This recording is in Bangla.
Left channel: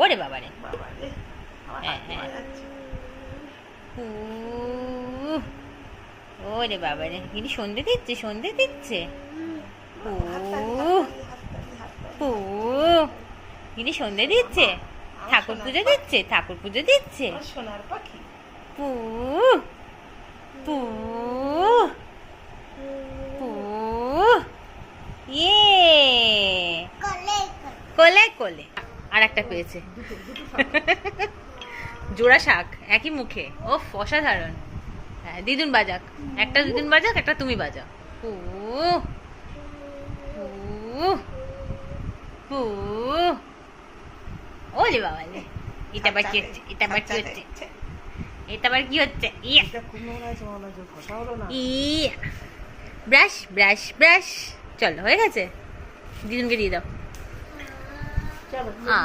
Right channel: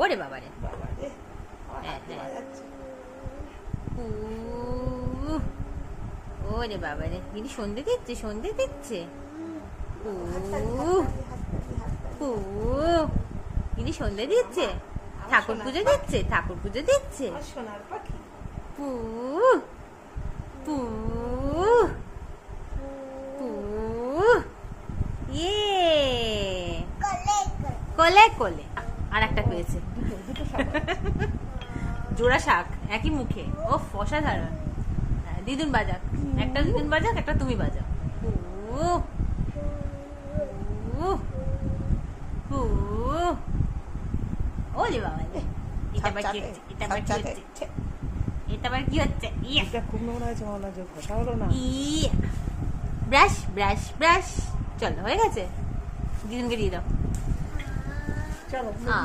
ওরে বাবারে, বাবা রে, আমার হ্যাঁ হাত হ্যাঁ, ধোয়া যাচ্ছে। ওরে বাবারে, ইনি সন্ধে দিচ্ছে, সন্ধে দিচ্ছে। হাততালি, উহ, হাততালি, হাততালি, হাততালি, উহ, ইনি সন্ধে দিচ্ছে, আমার ঠাকুর সোনার পুজো পাখি। দিচ্ছে, ঠাকুর পুজো দিচ্ছে। আমার সোনার পাখি। পু পু পু ইয়ে, কোলে কোলে। আর একটা পেয়েছে, দুটো সামনে। জোড়া শাক একই মুখে। ও অসাধারণ। হ্যাঁ, দিদুন বাজাক, একটা দিদুন বাজাক, একটা তুমি বাজাও। পু পু পু, ওলে বাবালে, এটা আবার কি হচ্ছে, এটা আবার কি হচ্ছে, এটা আবার কি হচ্ছে? ইয়া এটা খুব নোংরা হয়েছে, মনে হচ্ছে ঘষা হলো না। ইয়া, ব্রাশ ব্রাশ ব্রাশ। চলো, হয়ে গেছে, দিদুনকে দিয়ে দাও। চলো আ